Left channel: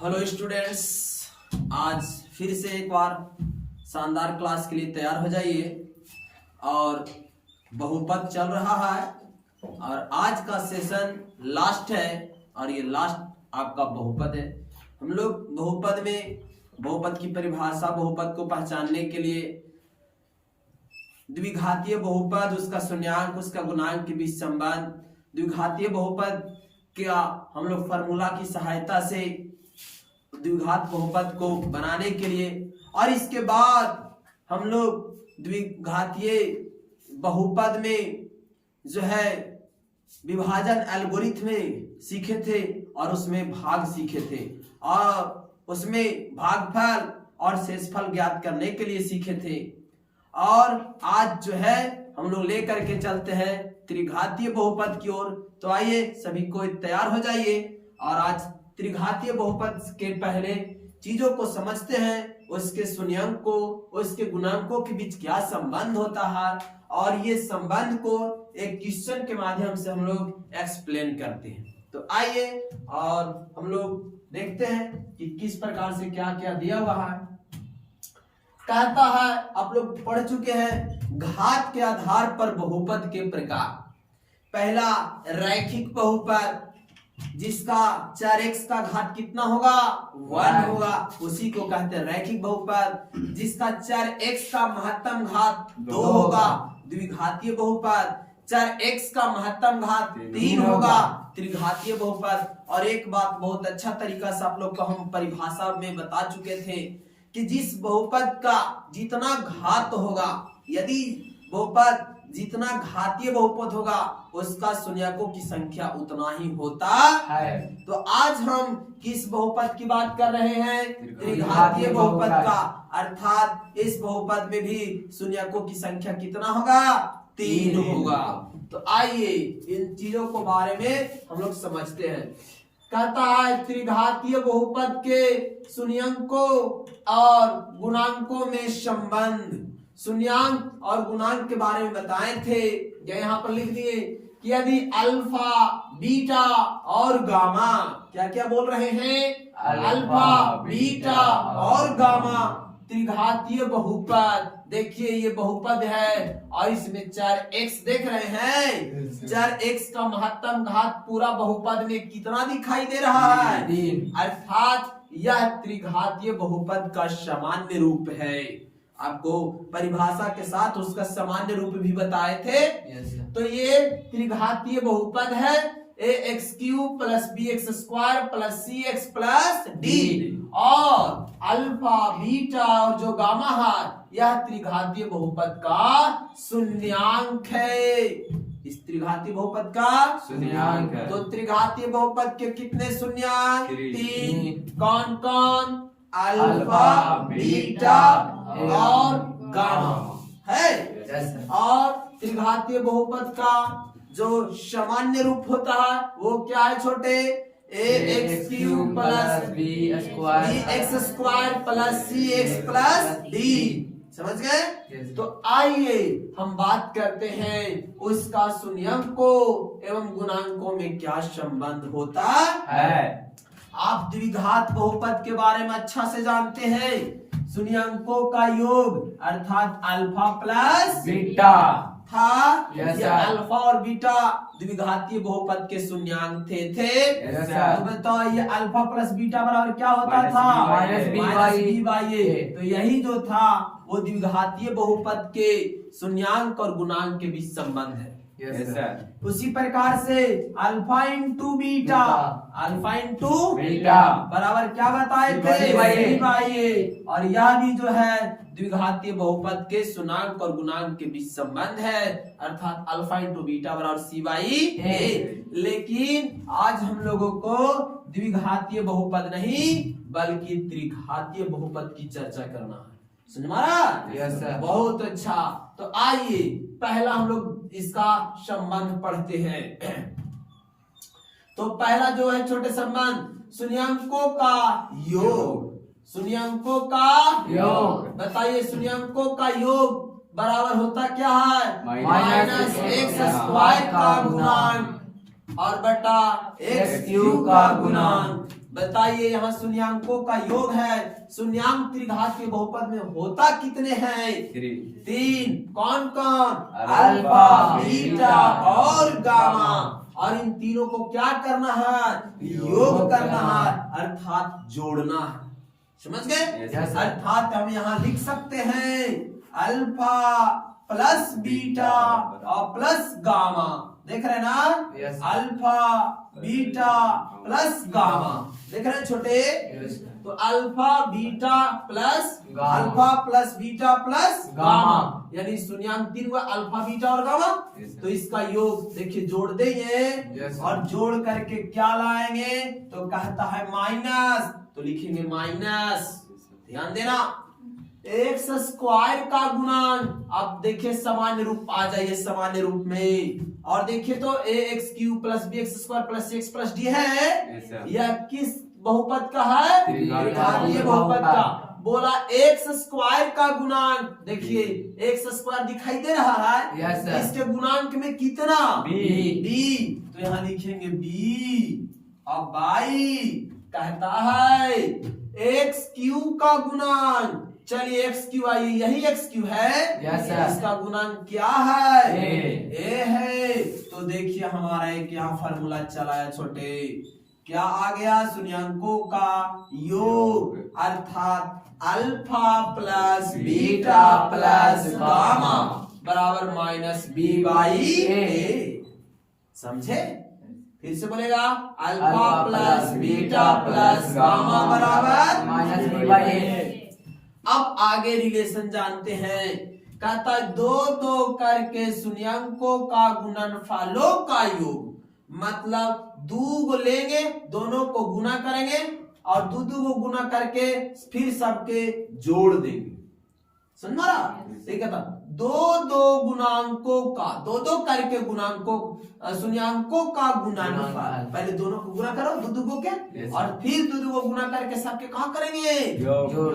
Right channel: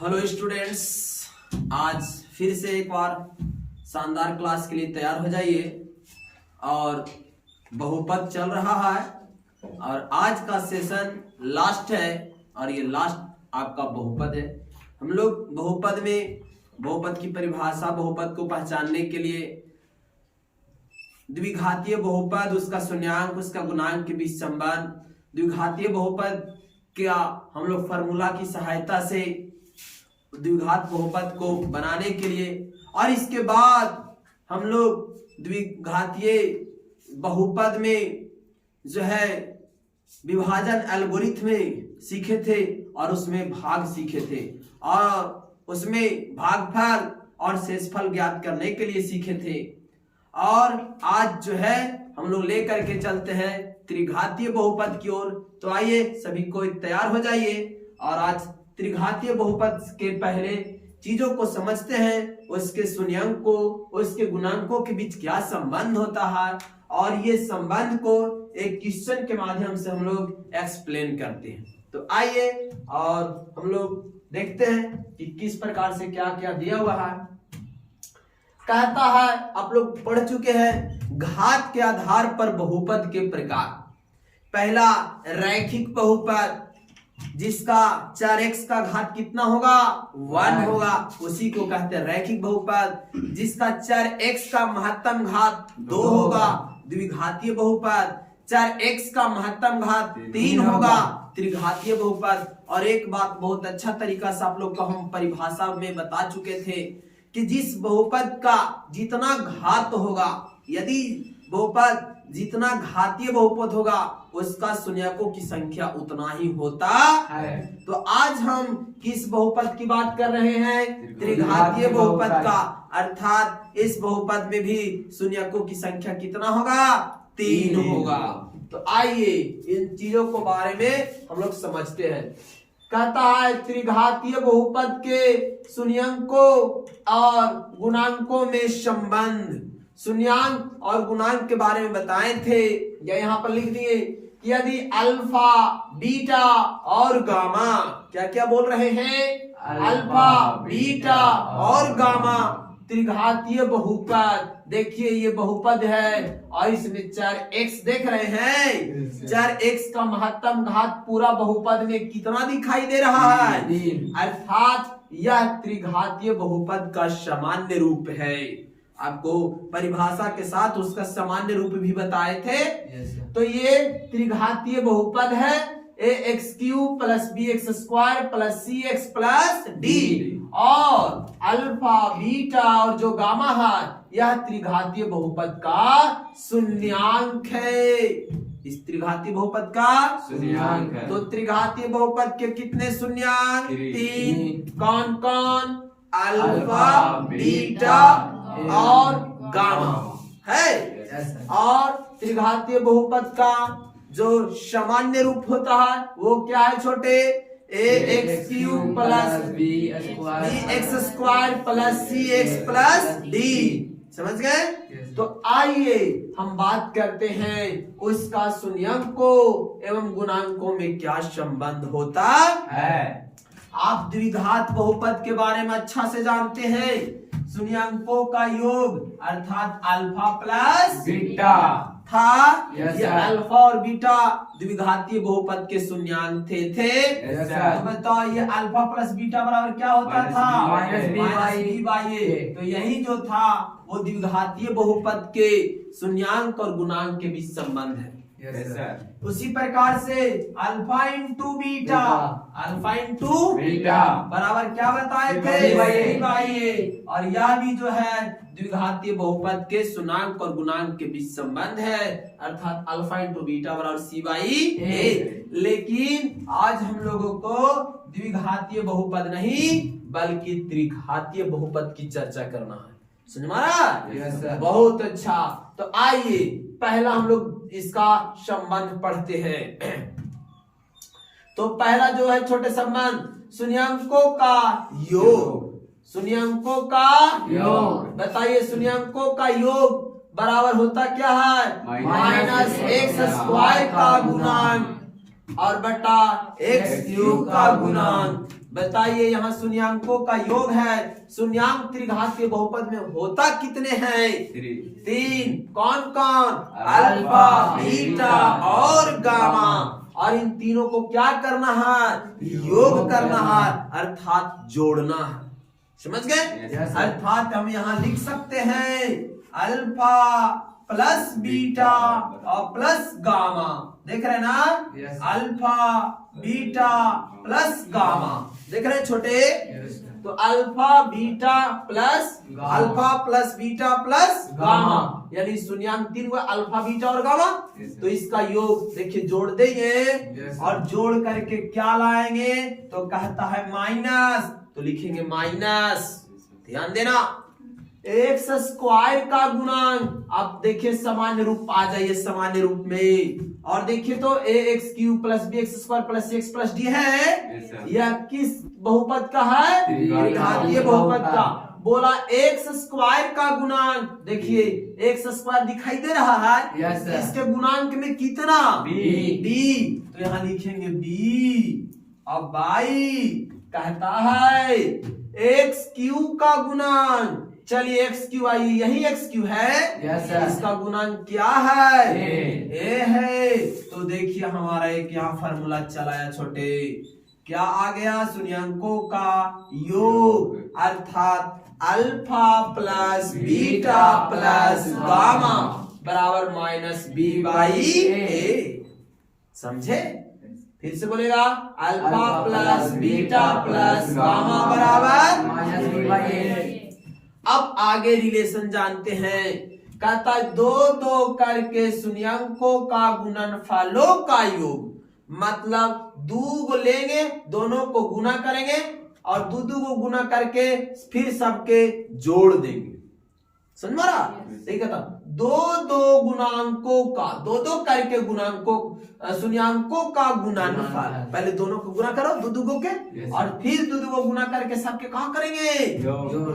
Hello students, आज फिर से एक बार शानदार क्लास के लिए तैयार हो जाइए। और बहुपद चल रहा है और आज का सेशन लास्ट है और ये लास्ट आपका बहुपद है। हम लोग बहुपद में बहुपद की परिभाषा, बहुपद को पहचानने के लिए द्विघातीय बहुपद, उसका शून्यांक, उसका गुणांक के बीच संबंध, द्विघातीय बहुपद क्या हम लोग फॉर्मूला की सहायता से द्विघात बहुपद को बनाने के लिए, और इसके बाद हम लोग द्विघातीय बहुपद में जो है विभाजन एल्गोरिथम में सीखे थे और उसमें भाग सीखे थे और उसमें भागफल और शेषफल ज्ञात करने के लिए सीखे थे। और आज जो है हम लोग लेकर के चलते हैं त्रिघातीय बहुपद की ओर। तो आइए सभी कोई तैयार हो जाइए और आज त्रिघातीय बहुपद के पहले चीजों को समझते हैं, उसके शून्यांक को, उसके गुणांकों के बीच क्या संबंध होता है और ये संबंध को एक क्वेश्चन के माध्यम से हम लोग एक्सप्लेन करते हैं। तो आइए और हम लोग देखते हैं कि किस प्रकार से क्या क्या दिया हुआ है। कहता है, आप लोग पढ़ चुके हैं, घात के आधार पर बहुपद के प्रकार। पहला रैखिक बहुपद जिसका चर x का घात कितना होगा, 1 होगा, उसी को कहते हैं रैखिक बहुपद। जिसका चर x का महत्तम घात 2 होगा, द्विघातीय बहुपद। चर x का महत्तम घात 3 होगा, त्रिघातीय बहुपद। और एक बात बहुत अच्छा तरीका से आप लोग को हम परिभाषा में बता चुके थे कि जिस बहुपद का जितना घात होगा, यदि बहुपद जितना घातीय बहुपद होगा उसका शून्यकों की संख्या उतना ही होता है। तो आज हम किस बहुपद की बात कर रहे हैं, त्रिघातीय बहुपद का। अर्थात इस बहुपद में भी शून्यकों की संख्या कितना होगा, 3 होगा। तो आइए इन चीजों को बारे में हम लोग समझते हैं। कहता है त्रिघातीय बहुपद के शून्यकों और गुणांकों में संबंध। शून्यांक और गुणांक के बारे में बताए थे, यहाँ पर लिख दिए कि यदि अल्फा, बीटा और गामा, क्या क्या बोल रहे हैं, अल्फा, बीटा और गामा त्रिघातीय बहुपद। देखिए ये बहुपद है और इसमें चर x देख रहे हैं, चर x का महत्तम घात पूरा बहुपद में कितना दिखाई दे रहा है, अर्थात यह त्रिघातीय बहुपद का सामान्य रूप है। आपको परिभाषा के साथ उसका सामान्य रूप भी बताए थे। तो ये त्रिघातीय बहुपद है, ax³ + bx² + cx + d। और अल्फा, बीटा और जो गामा है यह त्रिघातीय बहुपद का शून्यांक है। इस त्रिघातीय बहुपद का शून्यांक है। तो त्रिघातीय बहुपद के कितने शून्यांक, 3। कौन कौन, अल्फा, बीटा और गामा है। और त्रिघातीय बहुपद का जो सामान्य रूप होता है वो क्या है छोटे, ax³ + bx² + cx + d। समझ गए। तो आइए हम बात करते हैं उसका शून्यकों एवं गुणांकों में क्या संबंध होता है। आप द्विघात बहुपद के बारे में अच्छा से जानते हैं। शून्यकों का योग अर्थात अल्फा प्लस बीटा था। ये अल्फा और बीटा द्विघातीय बहुपद के शून्यांक थे। तो बताओ ये अल्फा प्लस बीटा बराबर क्या होता था, -b/a। तो यही जो था वो द्विघातीय बहुपद के शून्यांक और गुणांक के बीच संबंध है। उसी प्रकार से alpha into beta, alpha into beta बराबर क्या बताए थे, b/a। और यह भी जो है द्विघातीय बहुपद के शून्यांक और गुणांक के बीच संबंध है, अर्थात अल्फा इंटू बीटा बराबर c/a। लेकिन आज हम लोगों को द्विघातीय बहुपद नहीं बल्कि त्रिघातीय बहुपद की चर्चा करना है। समझ में आ रहा? बहुत अच्छा। तो आइए पहला हम लोग इसका संबंध पढ़ते हैं। तो पहला जो है छोटे संबंध, शून्यकों का योग। शून्यकों का योग बताइए, शून्यकों का योग बराबर होता क्या है, -x² का गुणांक और बटा एक्स क्यूब का गुणांक। बताइए यहाँ शून्यांकों का योग है, शून्यांक त्रिघात के बहुपद में होता कितने हैं? 3। कौन कौन? अल्फा, बीटा और गामा। और इन तीनों को क्या करना है? योग करना है, अर्थात जोड़ना है। समझ गए? अर्थात हम यहाँ लिख सकते हैं अल्फा प्लस बीटा और प्लस गामा। देख रहे हैं ना? Alpha beta plus gamma. देख रहे हैं छोटे? तो alpha beta beta plus gamma, यानी शून्यांक 3 हुआ अल्फा बीटा और गामा। तो इसका योग देखिए जोड़ देंगे और जोड़ करके क्या लाएंगे? तो कहता है माइनस, तो लिखेंगे माइनस। ध्यान देना, एक्स स्क्वायर का गुणांक। अब देखिए सामान्य रूप आ जाइए, सामान्य रूप में। और देखिए तो a x cube plus b x square plus x plus d है, यह किस बहुपद का है? त्रिघातीय बहुपद का। बोला एक्स स्क्वायर का गुणांक, देखिए एक्स स्क्वायर दिखाई दे रहा है, इसके गुणांक में कितना? बी। तो यहाँ लिखेंगे बी। अब बाई कहता है एक्स क्यूब का गुणांक। चलिए एक्स क्यू आइए, यही एक्स क्यू है। इसका गुणांक क्या है? ए है। तो देखिए हमारा एक यहाँ फार्मूला चलाया छोटे, क्या आ गया? शून्यांकों का योग, अर्थात alpha plus beta plus gamma बराबर माइनस बी बाई ए। समझे? फिर से बोलेगा alpha plus beta plus gamma बराबर माइनस बी बाई ए। अब आगे रिलेशन जानते हैं। कहता है 2 करके शून्यांकों का गुणनफलों का योग। मतलब 2 को लेंगे, दोनों को गुना करेंगे और 2 को गुना करके फिर सबके जोड़ देंगे। समझ मारा? ठीक है, 2 गुणांकों का 2 करके गुणांकों शून्यांकों का गुणनफल। पहले दोनों को गुना करो 2 के, और फिर 2 को गुना करके सबके कहा करेंगे?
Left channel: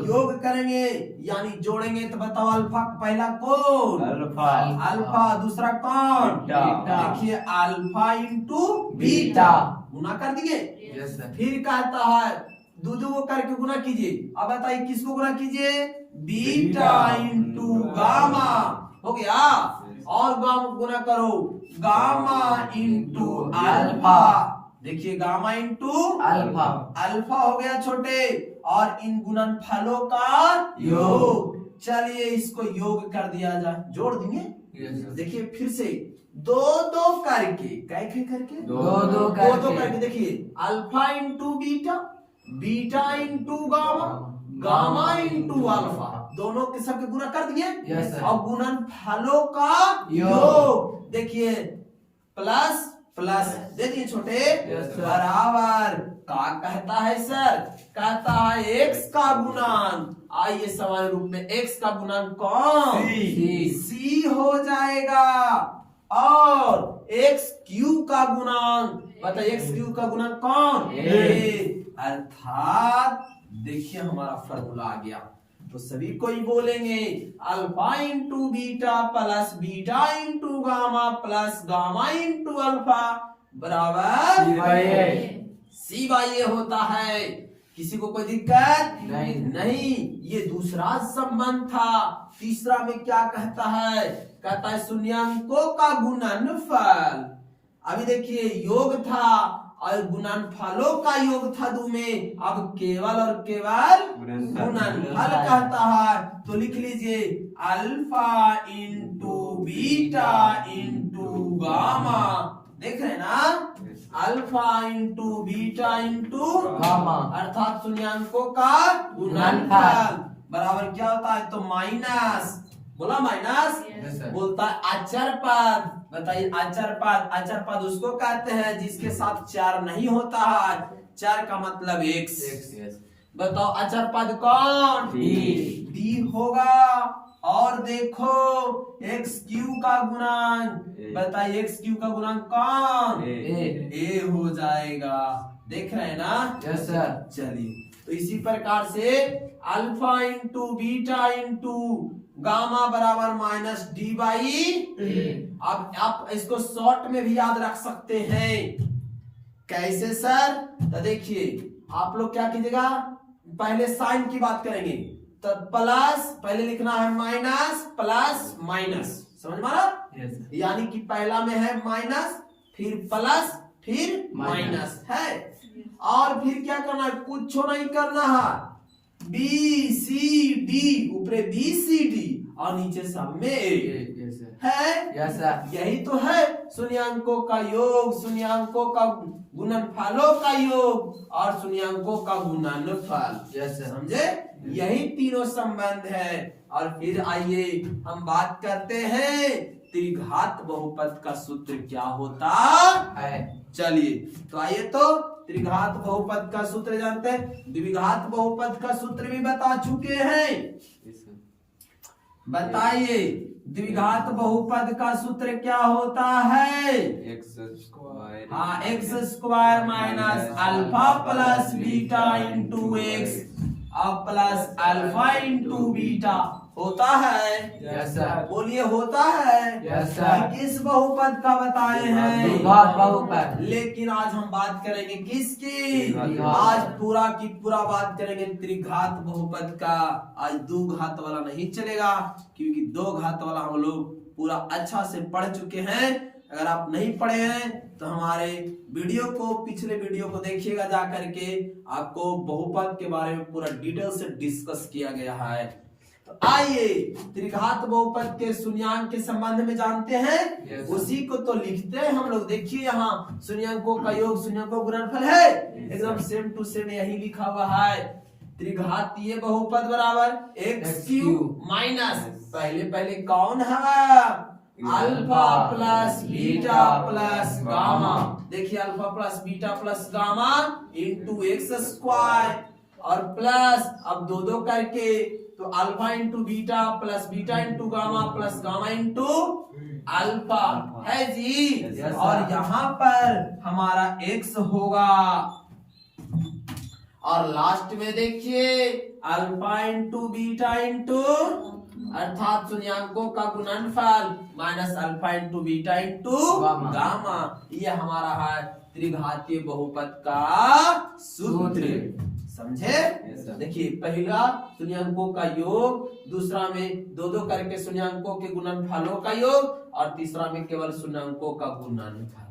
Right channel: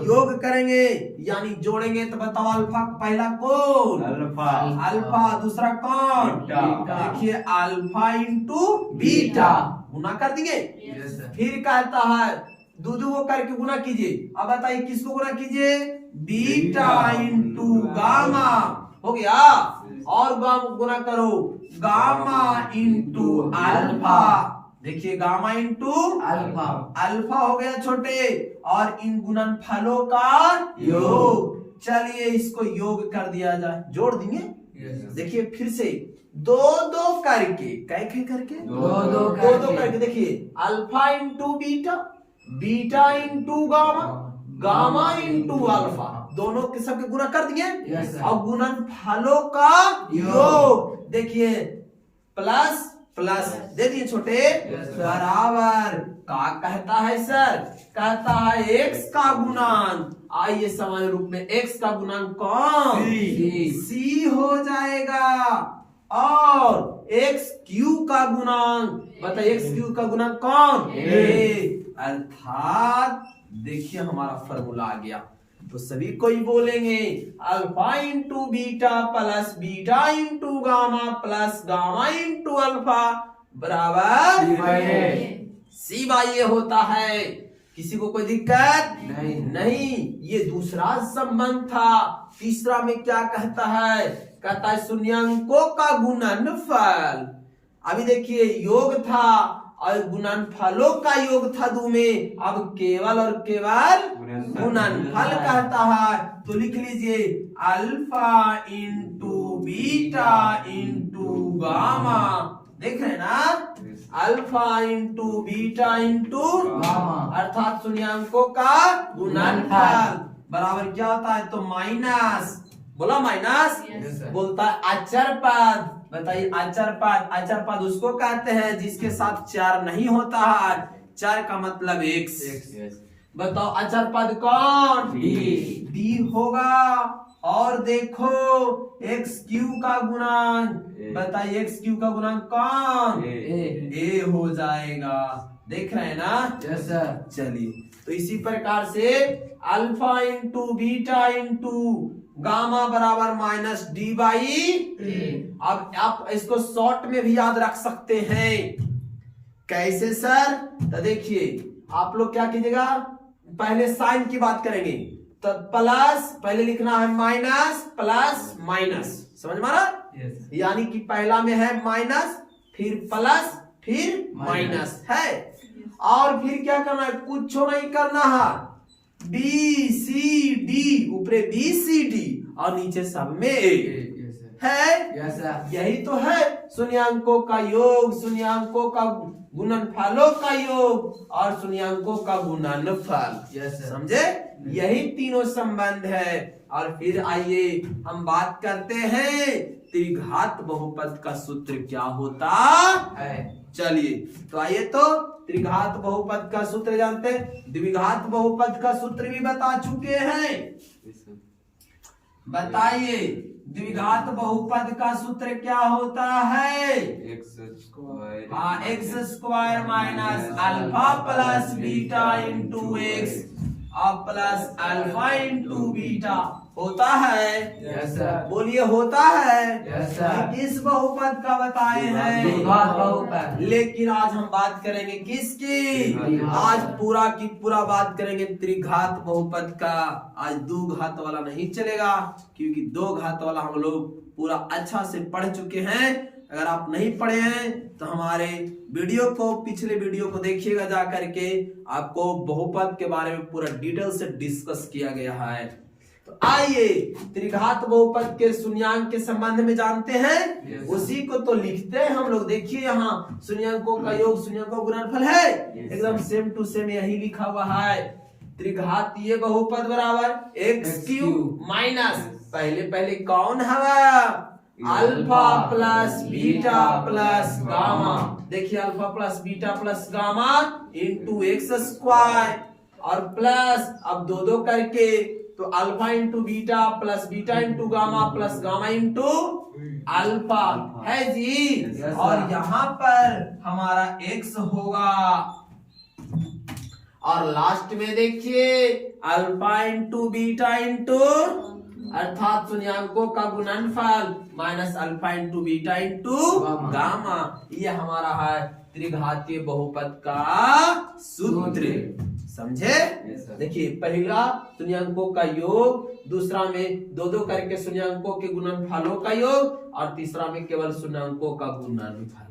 योग करेंगे, यानी जोड़ेंगे। तो बताओ अल्फा पहला कौन? अल्फा। दूसरा कौन? देखिए अल्फा इंटू बीटा, गुना कर दिए। फिर कहता है 2 को करके गुना कीजिए। अब बताइए किसको गुना कीजिए? Beta into gamma. हो गया। और गामा गुना करो, गामा इंटू अल्फा। देखिए गामा इंटू अल्फा, अल्फा हो गया छोटे। और इन गुणनफलों का योग। चलिए इसको योग कर दिया जाए, जोड़ देंगे। देखिए फिर से 2 करके, कैसे करके? 2 करके। देखिए alpha into beta, beta into gamma, gamma into alpha, दोनों के सबके गुना कर दिए। और गुणनफलों का योग। देखिए प्लस प्लस दे दिए छोटे, बराबर का कहता है सर? कहता है एक्स का गुणांक। आइए सामान्य रूप में एक्स का गुणांक कौन? सी हो जाएगा। और एक्स क्यूब का गुणांक, बताइए एक्स क्यूब का गुणांक कौन? अर्थात देखिए हमारा फॉर्मूला आ गया। तो सभी को ही बोलेंगे alpha into beta plus beta into gamma plus gamma into alpha बराबर सी बाई ए होता है। किसी को कोई दिक्कत नहीं। ये दूसरा संबंध था। तीसरा में क्या कहता है? कहता है शून्यांकों का गुणनफल। अभी देखिए योग था और गुणनफलों का योग था 2 में, अब केवल और केवल गुणनफल कहता है। तो लिख लीजिए alpha into beta into gamma. देख रहे हैं ना? Alpha into beta into gamma, अर्थात शून्यांकों का गुणनफल बराबर क्या होता है? तो माइनस, बोला माइनस। बोलता है अचर पद। बताइए अचर पद, अचर पद उसको कहते हैं जिसके साथ 4 नहीं होता है। 4 का मतलब x। बताओ अचर पद कौन? डी होगा। और देखो एक्स क्यू का गुणांक, बताइए एक्स क्यू का गुणांक कौन? ए हो जाएगा। देख रहे हैं ना? Yes sir. चलिए तो इसी प्रकार से alpha into beta into gamma बराबर माइनस डी बाई। अब आप इसको शॉर्ट में भी याद रख सकते हैं। कैसे सर? तो देखिए आप लोग क्या कीजिएगा, पहले साइन की बात करेंगे तो प्लस पहले लिखना है माइनस प्लस माइनस, समझ मारा? यानी कि पहला में है माइनस फिर प्लस फिर माइनस है, और फिर क्या करना है, कुछ नहीं करना है, बी सी डी ऊपरे बी सी डी और नीचे सब में है। यही तो है शून्यांकों का योग, शून्यांकों का गुणनफलों का योग और शून्यांकों का गुणनफल, समझे? यही तीनों संबंध है। और फिर आइए हम बात करते हैं त्रिघात बहुपद का सूत्र क्या होता है। चलिए तो आइए तो त्रिघात बहुपद का सूत्र जानते हैं, द्विघात बहुपद का सूत्र भी बता चुके हैं। बताइए द्विघात बहुपद का सूत्र क्या होता है? X square minus alpha plus beta into x और प्लस अल्फा इंटू बीटा होता है। Yes sir. बोलिए होता है। Yes sir. किस बहुपद का बताए हैं? द्विघात बहुपद। लेकिन आज हम बात करेंगे किसकी? आज पूरा की पूरा बात करेंगे त्रिघात बहुपद का। आज दो घात वाला नहीं चलेगा, क्योंकि दो घात वाला हम लोग पूरा अच्छा से पढ़ चुके हैं। अगर आप नहीं पढ़े हैं तो हमारे वीडियो को, पिछले वीडियो को देखिएगा जा करके, आपको बहुपद के बारे में पूरा डिटेल से डिस्कस किया गया है। तो आइए त्रिघात बहुपद के शून्यांक के संबंध में जानते हैं। उसी को तो लिखते हैं हम लोग। देखिए यहाँ शून्यांकों का योग, शून्यांकों का गुणनफल है, एकदम सेम टू सेम यही लिखा हुआ है। त्रिघातीय बहुपद बराबर एक्स क्यूब माइनस पहले कौन है? Alpha plus beta plus gamma. देखिए alpha plus beta plus gamma into x square और प्लस अब दो करके, तो alpha into beta plus beta into gamma plus gamma into alpha है जी। और यहाँ पर हमारा एक्स होगा और लास्ट में देखिए अल्फा इंटू बीटा इंटू अर्थात शून्यांकों का गुणनफल minus alpha into beta into gamma. ये हमारा है त्रिघातीय बहुपद का सूत्र, समझे? देखिए पहला शून्यांकों का योग, दूसरा में दो करके शून्यांकों के गुणनफलों का योग और तीसरा में केवल शून्यांकों का गुणनफल।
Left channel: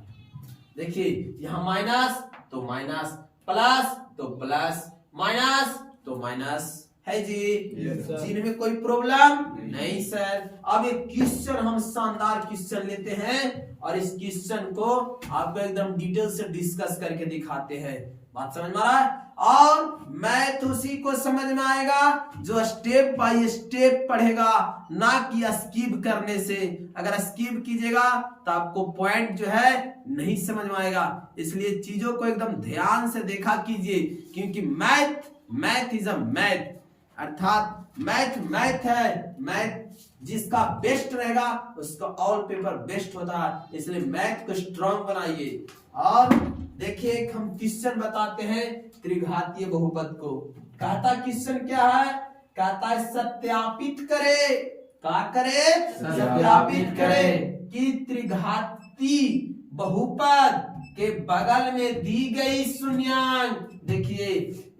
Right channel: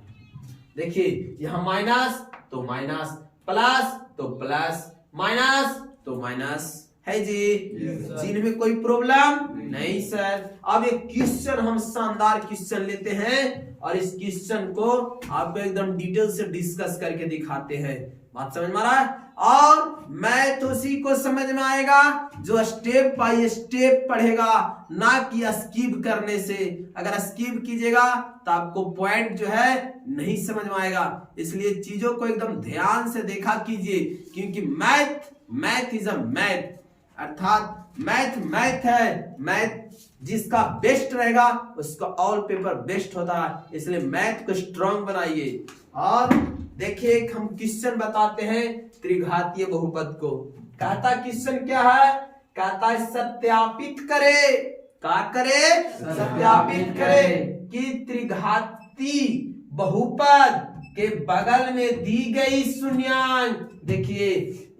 देखिए यहाँ माइनस तो माइनस, प्लस तो प्लस, माइनस तो माइनस है जी। चिन्ह में कोई प्रॉब्लम नहीं सर। अब एक क्वेश्चन हम शानदार क्वेश्चन लेते हैं और इस क्वेश्चन को आपको एकदम डिटेल से डिस्कस करके दिखाते हैं। बात समझ में आ रहा है? और मैथ उसी को समझ में आएगा जो स्टेप बाय स्टेप पढ़ेगा, ना कि स्किप करने से। अगर स्किप कीजिएगा तो आपको पॉइंट जो है नहीं समझ में आएगा। इसलिए चीजों को एकदम ध्यान से देखा कीजिए, क्योंकि मैथ इज अ मैथ, अर्थात मैथ है। मैथ जिसका बेस्ट रहेगा उसका ऑल पेपर बेस्ट होता है। इसलिए मैथ को स्ट्रांग बनाइए। और देखिए हम क्वेश्चन बताते हैं त्रिघातीय बहुपद को। कहता क्वेश्चन क्या है? कहता है सत्यापित करे, क्या करे? सत्यापित करे कि त्रिघातीय बहुपद के बगल में दी गई शून्यांक। देखिए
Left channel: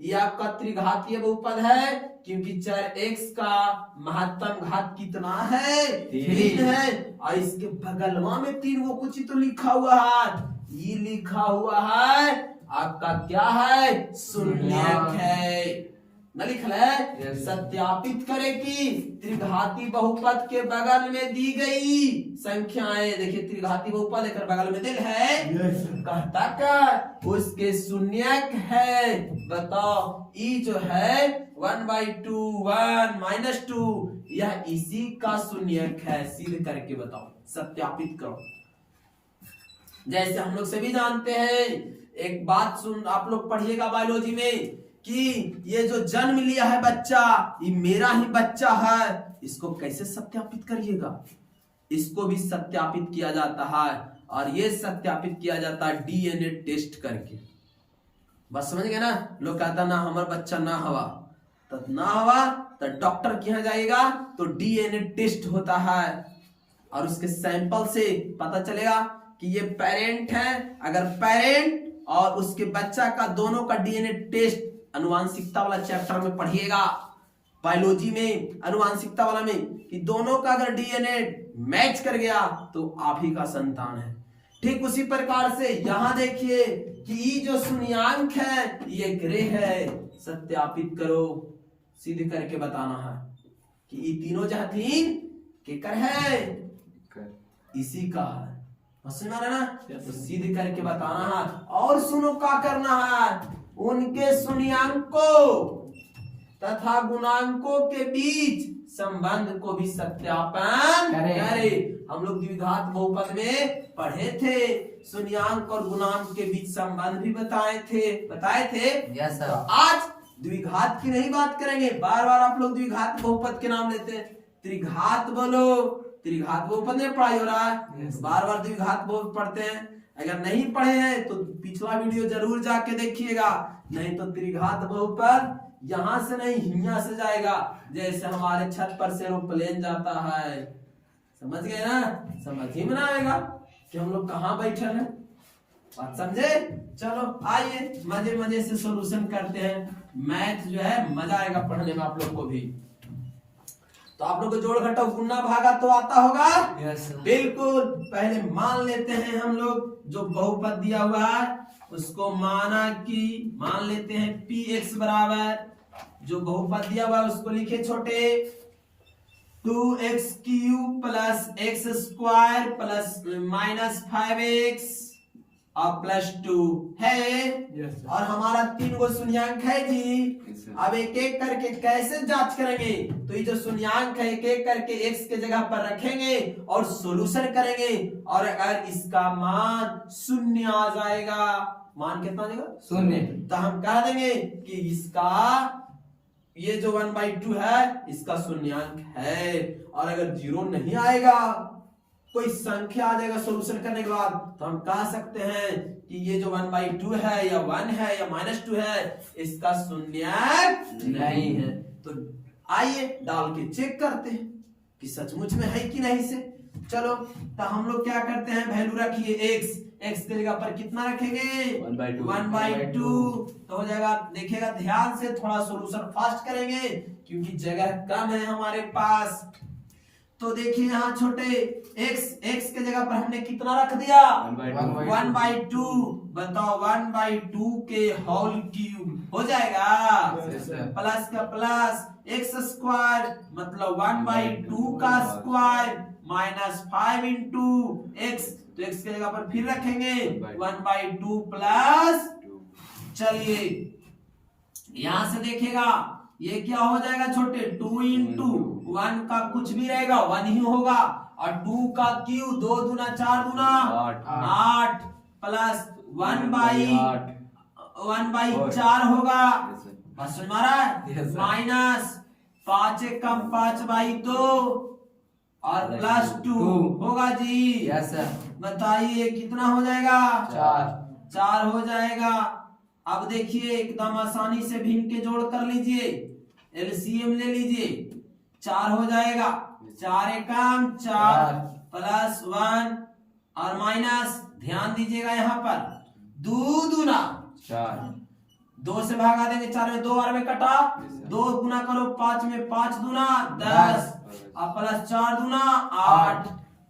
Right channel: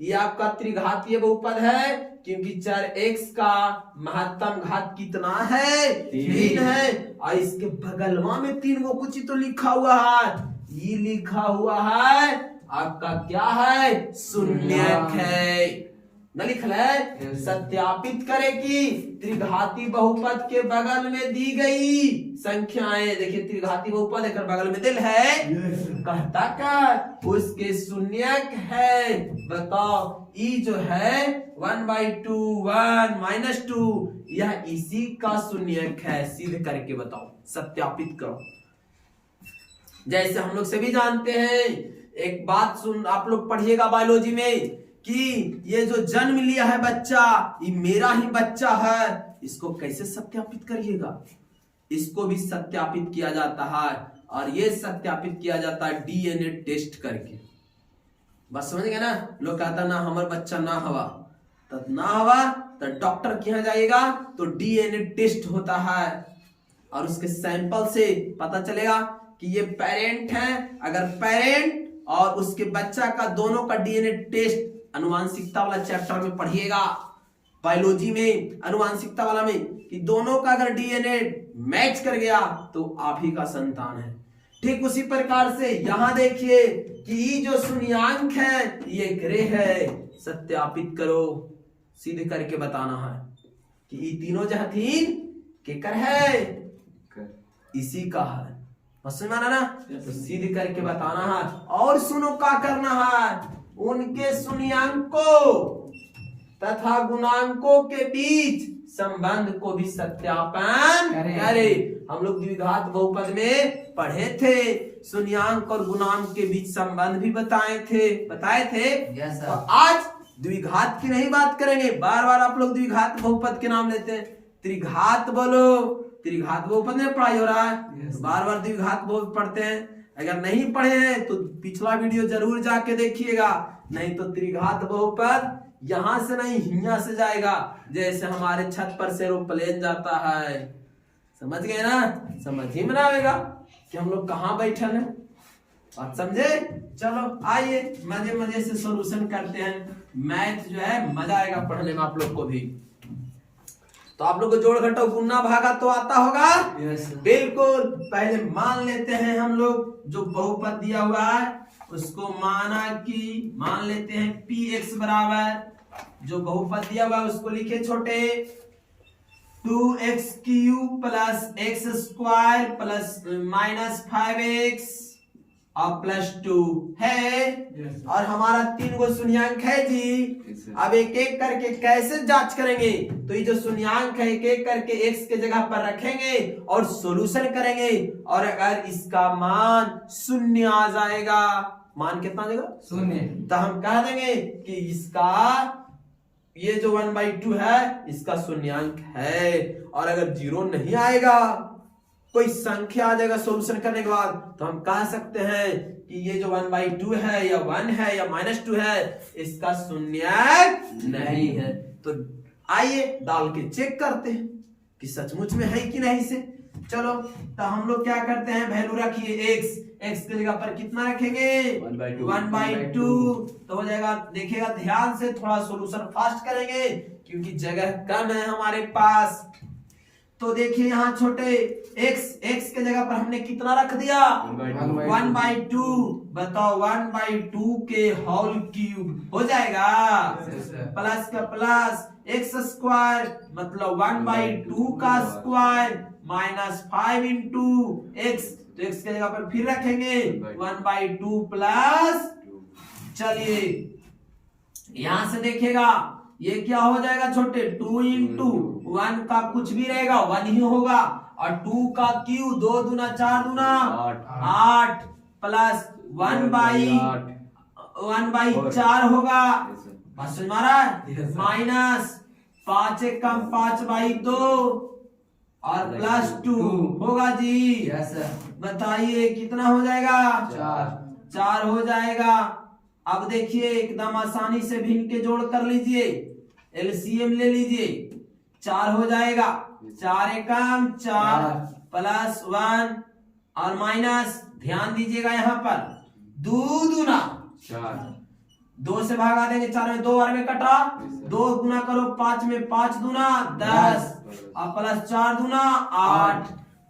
ये आपका त्रिघातीय बहुपद है, क्योंकि चर x का महत्तम घात कितना है? 3 है। और इसके बगलवा में 3 वो कुछ तो लिखा हुआ है, ये लिखा हुआ है आपका क्या है? शून्यक है। न लिख है? सत्यापित करे कि त्रिघाती बहुपद के बगल में दी गई संख्याएं, देखिए त्रिघाती बहुपद एक बगल में दिल है, कहता का उसके शून्यक है। बताओ ई जो है 1/2 1 -2 यह इसी का शून्यक है। सिद्ध करके बताओ, सत्यापित करो। जैसे हम लोग सभी जानते हैं, एक बात सुन, आप लोग पढ़िएगा बायोलॉजी में कि ये जो जन्म लिया है बच्चा, ये मेरा ही बच्चा है। इसको कैसे सत्यापित करिएगा? इसको भी सत्यापित किया जाता है, और ये सत्यापित किया जाता है डीएनए टेस्ट करके। बस समझ गए ना? लोग कहता ना हमारा बच्चा ना हवा, तो ना हवा तो डॉक्टर के यहाँ जाएगा तो डीएनए टेस्ट होता है, और उसके सैंपल से पता चलेगा कि ये पेरेंट है। अगर पेरेंट और उसके बच्चा का दोनों का डीएनए टेस्ट अनुवांशिकता वाला चैप्टर में पढ़िएगा, बायोलॉजी में अनुवांशिकता वाला में, कि दोनों का अगर डीएनए मैच कर गया तो आप ही का संतान है। ठीक उसी प्रकार से यहाँ देखिए कि ये जो शून्यांक है ये ग्रे है, सत्यापित करो, सिद्ध करके बताना है कि ये तीनों जहाँ तीन केकर है, इसी का है। समझ ना? तो सिद्ध करके बताना है। और सुनो क्या करना है, उनके शून्यांकों तथा गुणांकों के बीच संबंध को भी सत्यापन करे। हम लोग द्विघात बहुपद में पढ़े थे, शून्यांक और गुणांक के बीच संबंध भी बताए थे। यस तो सर। आज द्विघात की नहीं बात करेंगे। बार बार आप लोग द्विघात बहुपद के नाम लेते हैं, त्रिघात बोलो, त्रिघात बहुपद में पढ़ाई हो रहा है, तो बार बार द्विघात बहुपद पढ़ते हैं। अगर नहीं पढ़े हैं तो पिछला वीडियो जरूर जाके देखिएगा, नहीं तो त्रिघात बहुपद यहाँ से नहीं हियां से जाएगा, जैसे हमारे छत पर से एरोप्लेन जाता है। समझ गए ना? समझ ही में ना आएगा कि हम लोग कहाँ बैठल हैं। बात समझे? चलो आइए मजे मजे से सॉल्यूशन करते हैं। मैथ जो है मजा आएगा पढ़ने में आप लोग को भी। तो आप लोग को जोड़ घटाव गुना भागा तो आता होगा? Yes sir. बिल्कुल। पहले मान लेते हैं हम लोग जो बहुपद दिया हुआ है उसको मान लेते हैं px बराबर, जो बहुपद दिया हुआ है उसको लिखे छोटे 2x cube plus x square plus minus 5x और प्लस 2 है। और हमारा 3 गो शून्यांक है जी। अब एक एक करके कैसे जांच करेंगे, तो ये जो शून्यांक है एक एक करके x के जगह पर रखेंगे और सॉल्यूशन करेंगे। और अगर इसका मान शून्य आ जाएगा, मान कितना आ जाएगा? शून्य, तो हम कह देंगे कि इसका ये जो 1/2 है इसका शून्यांक है। और अगर 0 नहीं आएगा, कोई संख्या आ जाएगा सॉल्यूशन करने के बाद, तो हम कह सकते हैं कि ये जो 1/2 है या 1 है या -2 है, इसका शून्यांक नहीं है। तो आइए डाल के चेक करते हैं कि सचमुच में है कि नहीं से। चलो तो हम लोग क्या करते हैं, वैल्यू रखिए x के जगह पर कितना रखेंगे? 1/2। तो हो जाएगा, देखिएगा ध्यान से, थोड़ा सॉल्यूशन फास्ट करेंगे क्योंकि जगह कम है हमारे पास। तो देखिए यहाँ छोटे x के जगह पर हमने कितना रख दिया? 1/2। बताओ 1/2 के होल क्यूब हो जाएगा, प्लस का प्लस x स्क्वायर मतलब 1/2 का स्क्वायर माइनस 5 इंटू x। तो x के जगह पर फिर रखेंगे 1/2 प्लस, चलिए यहां से देखिएगा ये क्या हो जाएगा छोटे, 2 इंटू 1 का कुछ भी रहेगा 1 ही होगा, और 2 का क्यूब 2 दूना 4 दूना 8 प्लस 1/4 होगा, बस समझ रहा है, माइनस 5 एक कम 5/2 और प्लस 2 होगा जी। Yes sir. बताइए कितना हो जाएगा? 4 हो जाएगा। अब देखिए एकदम आसानी से भिन्न के जोड़ कर लीजिए, एलसीएम ले लीजिए, 4 हो जाएगा, 4 एकम 4 प्लस 1 और माइनस, ध्यान दीजिएगा यहाँ पर 2 दूना 2 से भागा देंगे, 4 में 2 बार में कटा, 2 गुना करो 5 में 5 दूना 10 और प्लस 4 दूना 8।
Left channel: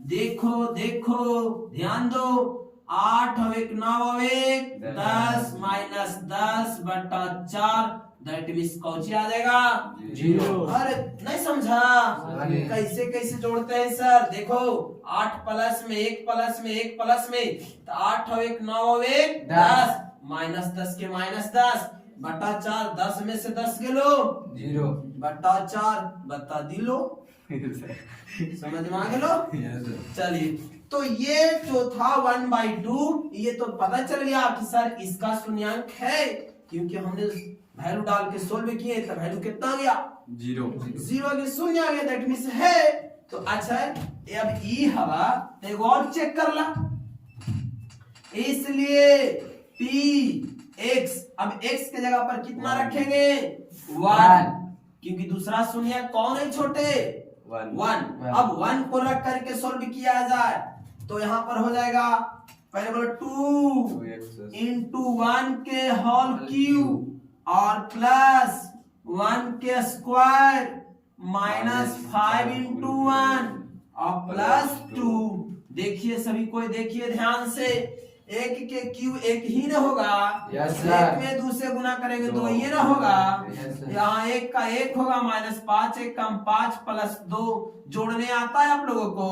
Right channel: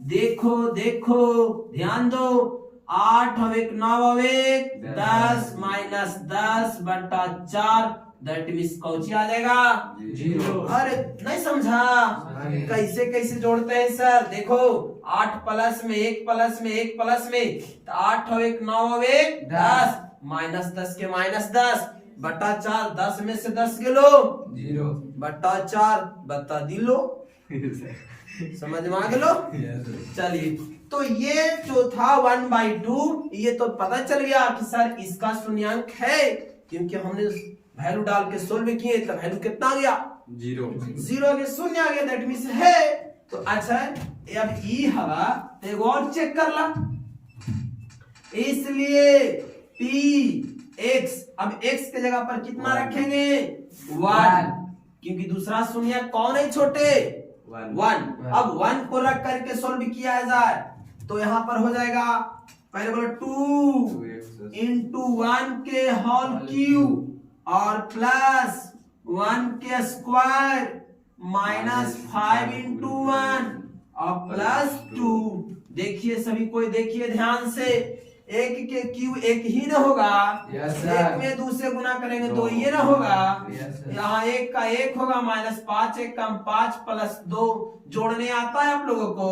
देखो देखो ध्यान दो, 8 और 1 9 और 1 10 माइनस 10/4, दैट मींस कौची आ जाएगा? 0। अरे नहीं समझा? कैसे कैसे जोड़ते हैं सर? देखो 8 प्लस में 1 प्लस में 1 प्लस में, तो 8 और 1 9 और 1 10 माइनस 10 के माइनस 10/4, 10 में से 10 गेलो 0/4 बता दिलो, समझ में आ गेलो? चलिए तो ये जो था 1/2, ये तो पता चल गया कि सर इसका शून्यांक है, क्योंकि हमने वैल्यू डाल के सोल्व किए तो वैल्यू कितना आ गया? 0 आ गया, शून्य आ गया, दैट मींस है। तो अच्छा अब ई हवा तो एक और चेक कर ला, इसलिए px, अब x के जगह पर कितना रखेंगे? 1, क्योंकि दूसरा शून्य कौन है छोटे? 1। अब 1 को रख करके सोल्व किया जाए तो यहाँ पर हो जाएगा पहले बोलो 2 इंटू 1 के होल क्यूब और प्लस 1 के स्क्वायर माइनस 5 इंटू 1 और प्लस 2। देखिए सभी कोई देखिए ध्यान से, एक के क्यू एक ही ना होगा, Yes, sir. एक में दूसरे गुना करेंगे तो ये ना होगा। Yes, sir. यहाँ एक का एक होगा माइनस 5 एक कम 5 प्लस 2 जोड़ने आता है आप लोगों को,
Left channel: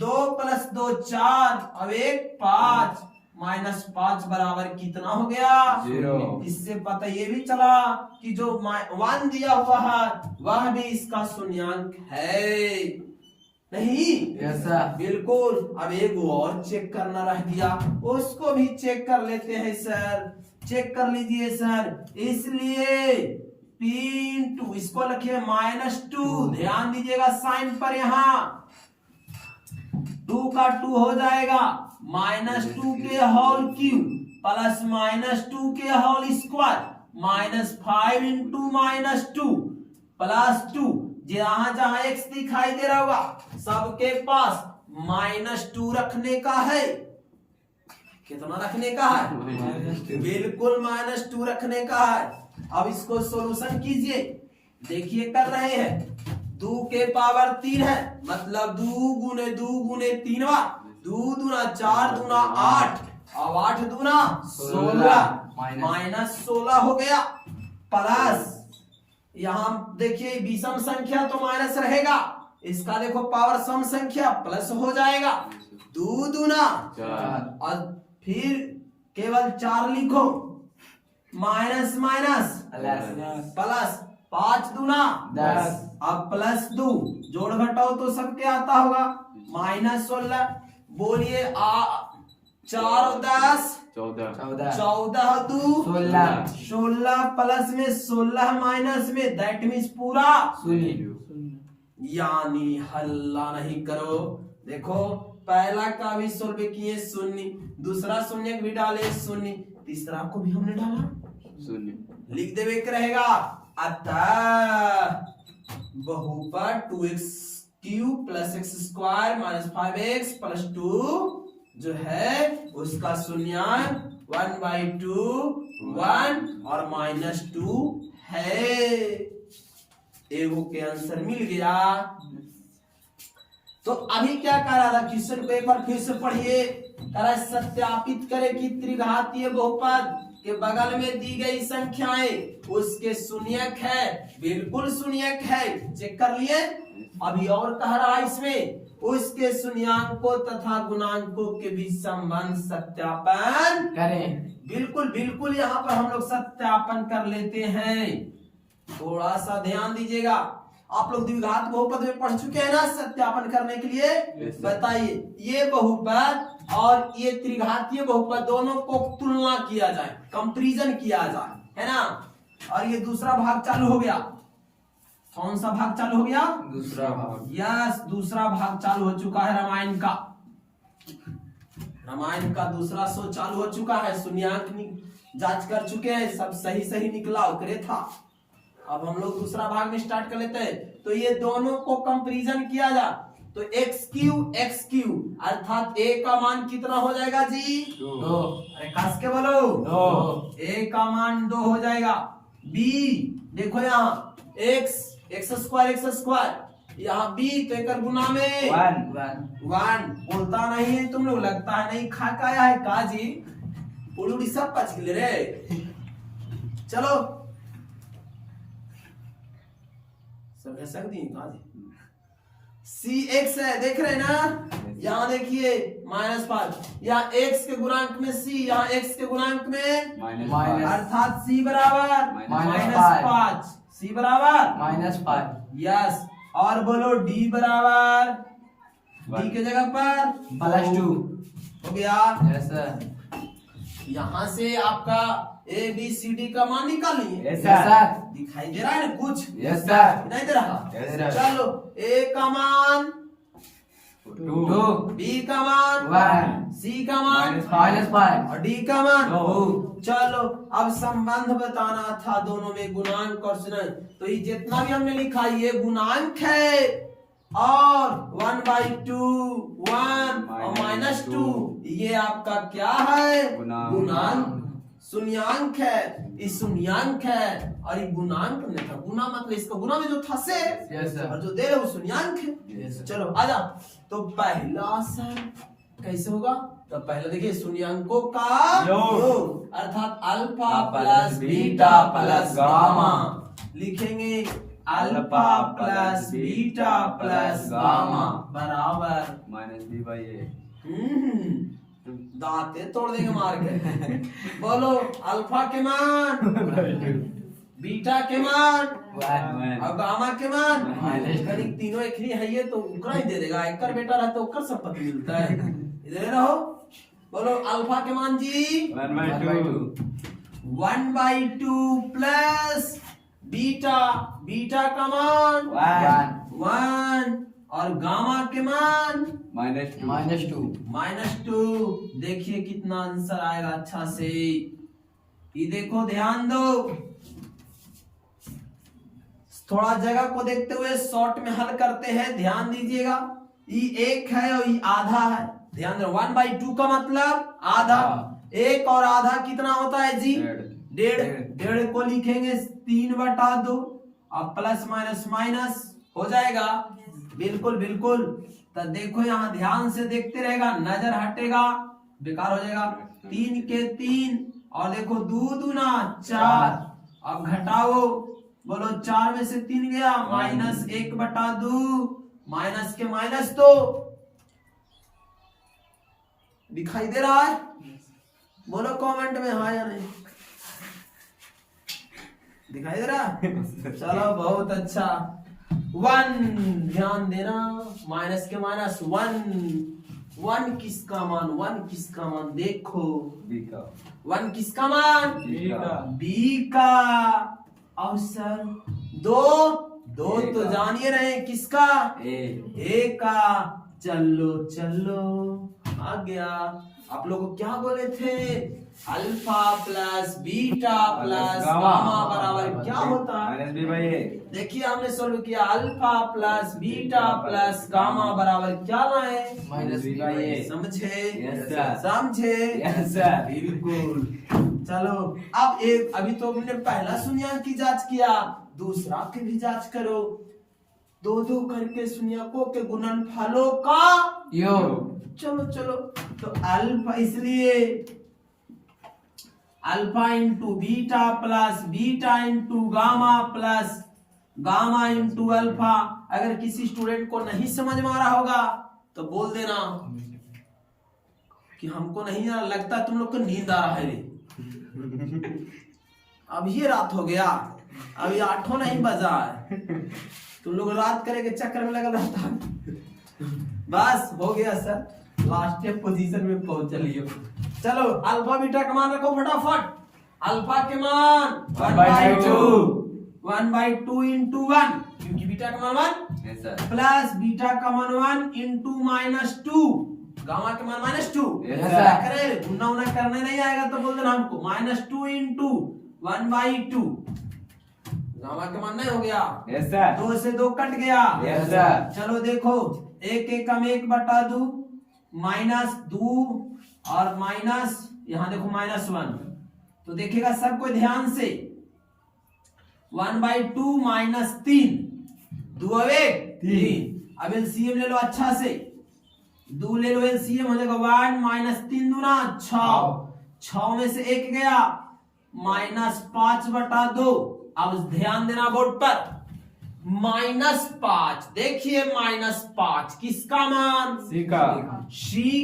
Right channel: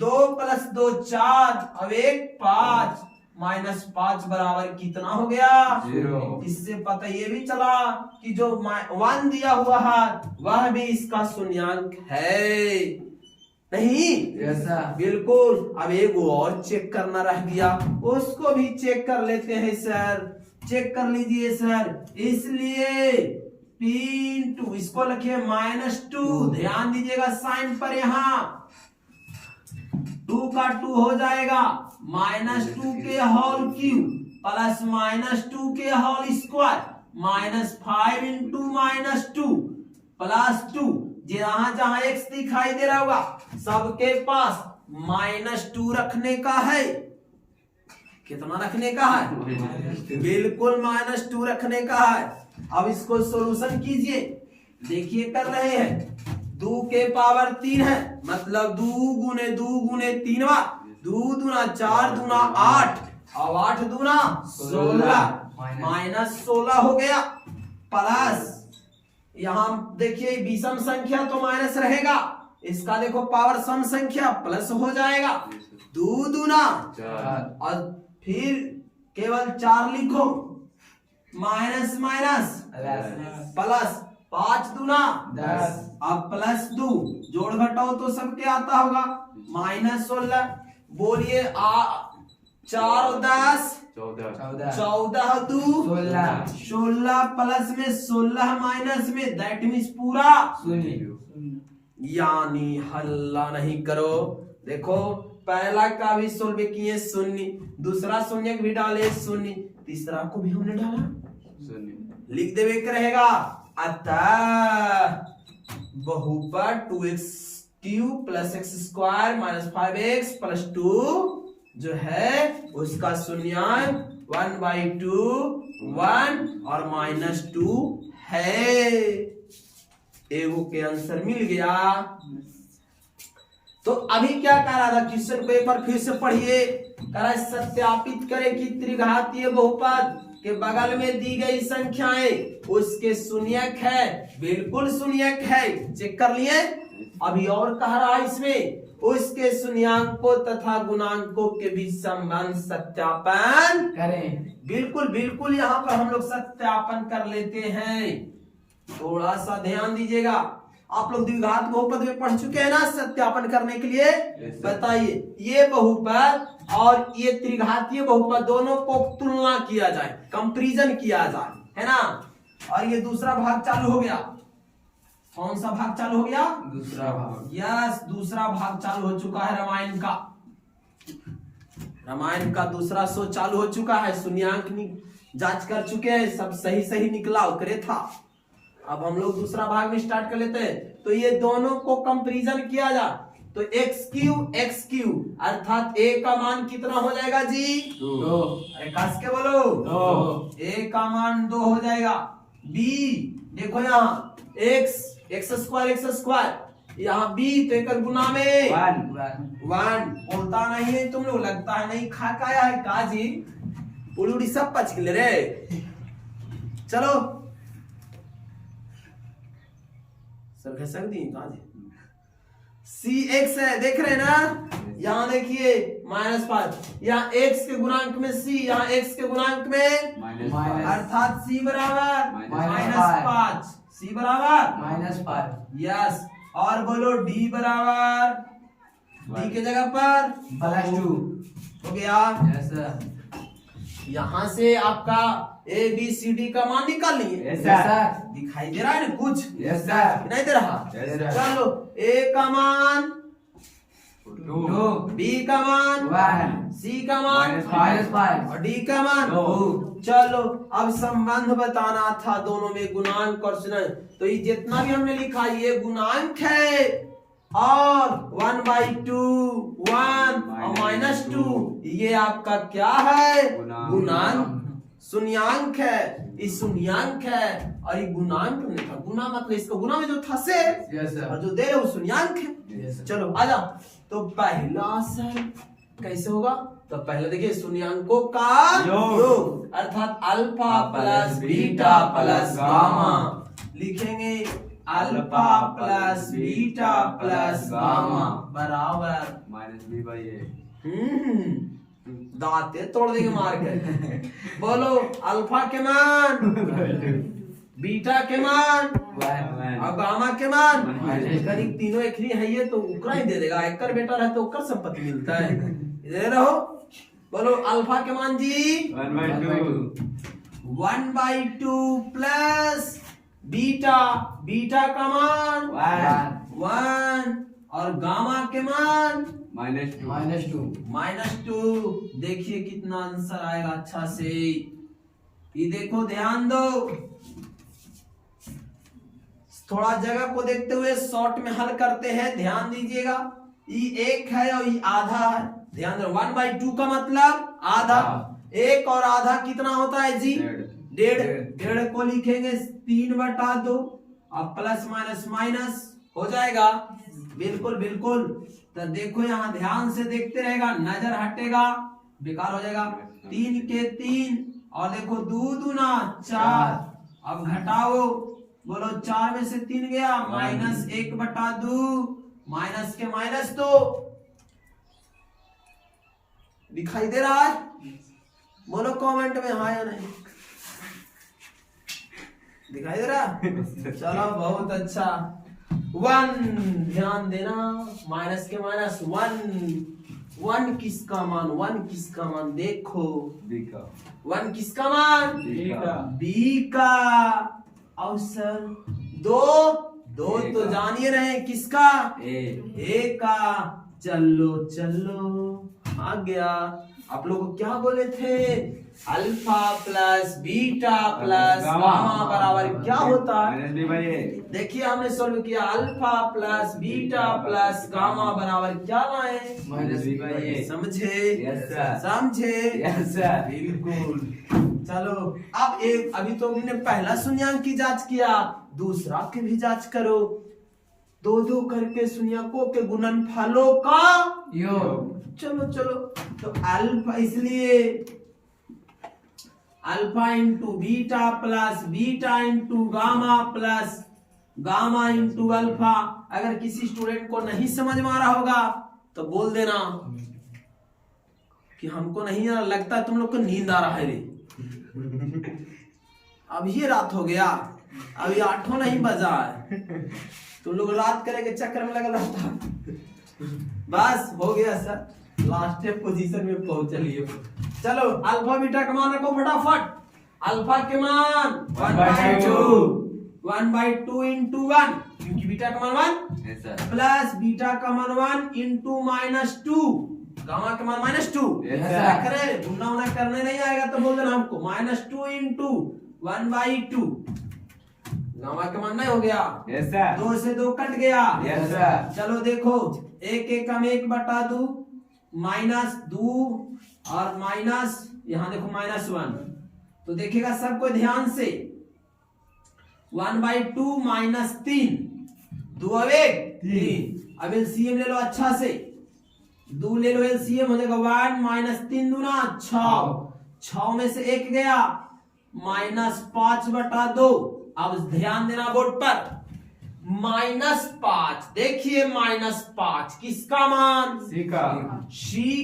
2 प्लस 2 4 अब 1 5 माइनस 5 बराबर कितना हो गया 0। इससे पता ये भी चला कि जो 1 दिया हुआ है वह भी इसका शून्यांक है नहीं। Yes, sir. बिल्कुल। अब एक और चेक करना रह गया, उसको भी चेक कर लेते हैं सर। चेक कर लीजिए सर। इसलिए P इसको लिखिए -2। ध्यान दीजिएगा साइन पर, यहाँ 2 का 2 हो जाएगा -2 के होल क्यूब प्लस -2 के होल स्क्वायर -5 इंटू -2 प्लस 2। जहां जहां x दिखाई दे रहा होगा सबके पास -2 रखने का है। कितना रखने का है? बिल्कुल -2 रखने का है। अब इसको सॉल्यूशन कीजिए। देखिए कर रहे हैं, 2 के पावर 3 है, मतलब 2 गुने 2 गुने 3 2 दूना 4 दूना 8 और 8 दूना 16 माइनस 16 हो गया। प्लस यहाँ देखिए विषम संख्या तो माइनस रहेगा, इसका देखो पावर सम संख्या प्लस हो जाएगा। 2 दूना और फिर केवल 4 लिखो, माइनस माइनस प्लस 5 दूना 10 अब प्लस 2 जोड़ घटाओ तो सबके आता होगा -16। बोलिए 4 और 10 14 2 16 प्लस में 16 माइनस में दैट मीन्स पूरा यानी हल्ला नहीं करो। देखो पहला का भी सोल्व किए शून्य, दूसरा शून्य भी डाले शून्य, तीसरा को भी हमने डाला शून्य, लिख देवे के रहेगा। अतः बहुपद 2x cube plus x square minus 5x plus 2 जो है उसका शून्यांक 1/2 1 और -2 है। एगो के आंसर मिल गया। तो अभी क्या कह रहा था, क्वेश्चन को एक बार फिर से पढ़िए। कह रहा है सत्यापित करें कि त्रिघातीय बहुपद के बगल में दी गई संख्याएं उसके शून्यक है। बिल्कुल शून्यक है, चेक कर लिए। अभी और कह रहा है इसमें उसके शून्यांकों तथा गुणांकों के बीच संबंध सत्यापन करें। बिल्कुल बिल्कुल यहाँ पर हम लोग सत्यापन कर लेते हैं। थोड़ा सा ध्यान दीजिएगा, आप लोग द्विघात बहुपद में पढ़ चुके हैं ना। सत्यापन करने के लिए बताइए, ये बहुपद और ये त्रिघातीय बहुपद दोनों को तुलना किया जाए, कंपैरिजन किया जाए, है ना। और ये दूसरा भाग चालू हो गया। कौन सा भाग चालू हो गया? दूसरा भाग। यस, दूसरा भाग चालू हो चुका है रामायण का। रामायण का दूसरा शो चालू हो चुका है। शून्यांक जांच कर चुके हैं, सब सही सही निकला, ओकरे था। अब हम लोग दूसरा भाग में स्टार्ट कर लेते हैं। तो ये दोनों को कंपैरिजन किया जा, तो x क्यूब अर्थात a का मान कितना हो जाएगा जी? 2। अरे कस के बोलो, 2। a का मान 2 हो जाएगा। b देखो यहाँ x स्क्वायर, यहाँ b तो एक गुना में 1 बोलता नहीं है तुम लोग, लगता है नहीं खा का आया है का जी, उलूड़ी सब पच गए रे। चलो सर घसक दी कहा जी। cx है, देख रहे हैं ना, यहाँ देखिए -5, यहाँ x के गुणांक में c, यहाँ x के गुणांक में अर्थात c बराबर -5, c बराबर -5। यस। और बोलो d बराबर, d के जगह पर +2 हो गया। Yes sir. यहाँ से आपका a b c d का मान निकाल लिए। Yes sir. दिखाई दे रहा है ना कुछ? Yes sir. नहीं दे रहा? Yes sir. चलो a का मान 2, b का मान 1, c का मान -5 और d का मान 2। चलो अब संबंध बताना था दोनों में, गुणांक और शून्य। तो ये जितना भी हमने लिखा ये गुणांक है और 1/2 1 और -2 ये आपका क्या है? गुणांक। शून्यांक है, ये शून्यांक है और ये गुणांक नहीं था। गुना मतलब इसका गुना में जो था से Yes, sir. और जो दे रहे वो शून्यांक है। Yes, sir. चलो आजा। तो पहला सर कैसे होगा? तो पहले देखिए शून्यांकों का योग अर्थात alpha plus beta plus gamma. लिखेंगे alpha plus beta plus gamma बराबर -b/a। दांते तोड़ देंगे मार के। बोलो अल्फा के मान, बीटा के मान और गामा के मान। करीब तीनों एक ही है, ये तो उकरा ही दे देगा। एक बेटा रहता तो उकर संपत्ति मिलता है। दे रहो। बोलो अल्फा के मान जी 1/2 प्लस बीटा, बीटा का मान 1 और गामा के मान -2। देखिए कितना आंसर आएगा अच्छा से। ये देखो ध्यान दो, थोड़ा जगह को देखते हुए शॉर्ट में हल करते हैं। ध्यान दीजिएगा, ये 1 है और ये आधा है। ध्यान दो 1/2 का मतलब आधा। 1 और आधा कितना होता है जी? 1.5 को लिखेंगे 3/2 और प्लस माइनस माइनस हो जाएगा। बिल्कुल बिल्कुल। तो देखो यहाँ ध्यान से देखते रहेगा, नजर हटेगा बेकार हो जाएगा। 3 के 3 और देखो 2 दूना 4। अब घटाओ, बोलो 4 में से 3 गया -1/2 माइनस के माइनस। तो दिखाई दे रहा है? बोलो कमेंट में हाँ या नहीं। दिखाई दे रहा? चलो बहुत अच्छा। 1 ध्यान देना, माइनस के माइनस 1 किसका मान? 1 किसका मान? देखो 1 किसका मान? बी का। और सर 2 तो जानिए रहे किसका? ए का। चलो चलो आ गया। आप लोग क्या बोले थे? Alpha plus beta plus gamma बराबर क्या होता है? देखिए हमने सोल्व किया। Alpha plus beta plus gamma बराबर क्या लाए? -b/a। समझे? समझे? बिल्कुल। चलो अब अभी तो हमने पहला शून्यांक की जांच किया, दूसरा की भी जांच करो। 2 करके शून्यकों के गुणनफलों का योग। चलो चलो। तो अल्फा, इसलिए alpha into beta plus beta into gamma plus gamma into alpha. अगर किसी स्टूडेंट को नहीं समझ में आ रहा होगा तो बोल देना कि हमको नहीं लगता, तुम लोग को नींद आ रहा है रे। अब ये रात हो गया, अभी 8 नहीं बजा है, तुम लोग रात करे के चक्कर में लगा रहता। बस हो गया सर, लास्ट पोजीशन में पहुंच चलिए। चलो अल्फा बीटा का मान रखो फटाफट। अल्फा के मान 1/2 इंटू 1 क्योंकि बीटा का मान 1 प्लस बीटा का मान 1 इंटू -2 गामा के मान -2। करे गुना उना करने नहीं आएगा तो बोल देना हमको। -2 इंटू 1/2 गामा के मान नहीं हो गया। 2 से 2 कट गया। चलो देखो 1 कम 1/2 -2 और माइनस यहाँ देखो -1। तो देखिएगा सब कोई ध्यान से। 1/2 -3 2 3। अब एलसीएम ले लो अच्छा से, 2 ले लो एलसीएम हो जाएगा 1 -3 दूना 6। 6 में से 1 गया -5/2। अब ध्यान देना बोर्ड पर। -5 देखिए -5 किसका मान? सी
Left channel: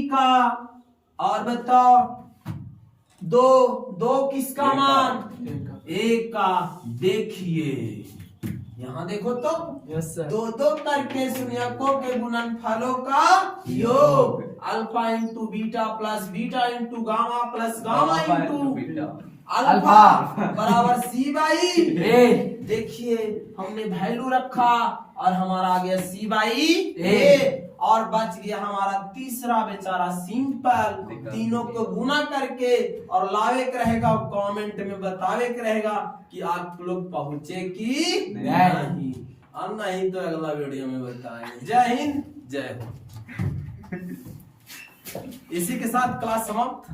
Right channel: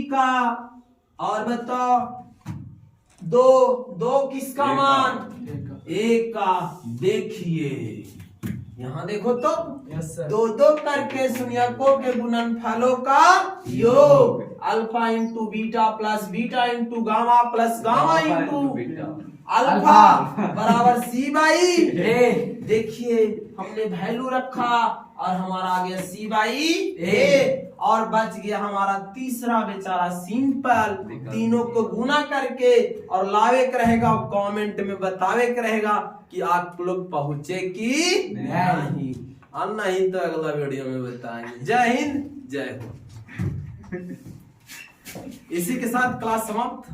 का। और बताओ 2 किसका मान? ए का। देखिए यहाँ देखो तो 2 करके शून्यकों के गुणनफलों का योग। Alpha into beta plus beta into gamma plus gamma into alpha बराबर C/A। देखिए हमने वैल्यू रखा और हमारा आ गया C/A और बच गया हमारा तीसरा बेचारा सिंपल। तीनों को गुना करके और लावे के रहेगा, कमेंट में बतावे के रहेगा कि आप लोग पहुंचे कि नहीं। और नहीं तो अगला वीडियो में बताएंगे। जय हिंद, जय हो। इसी के साथ क्लास समाप्त।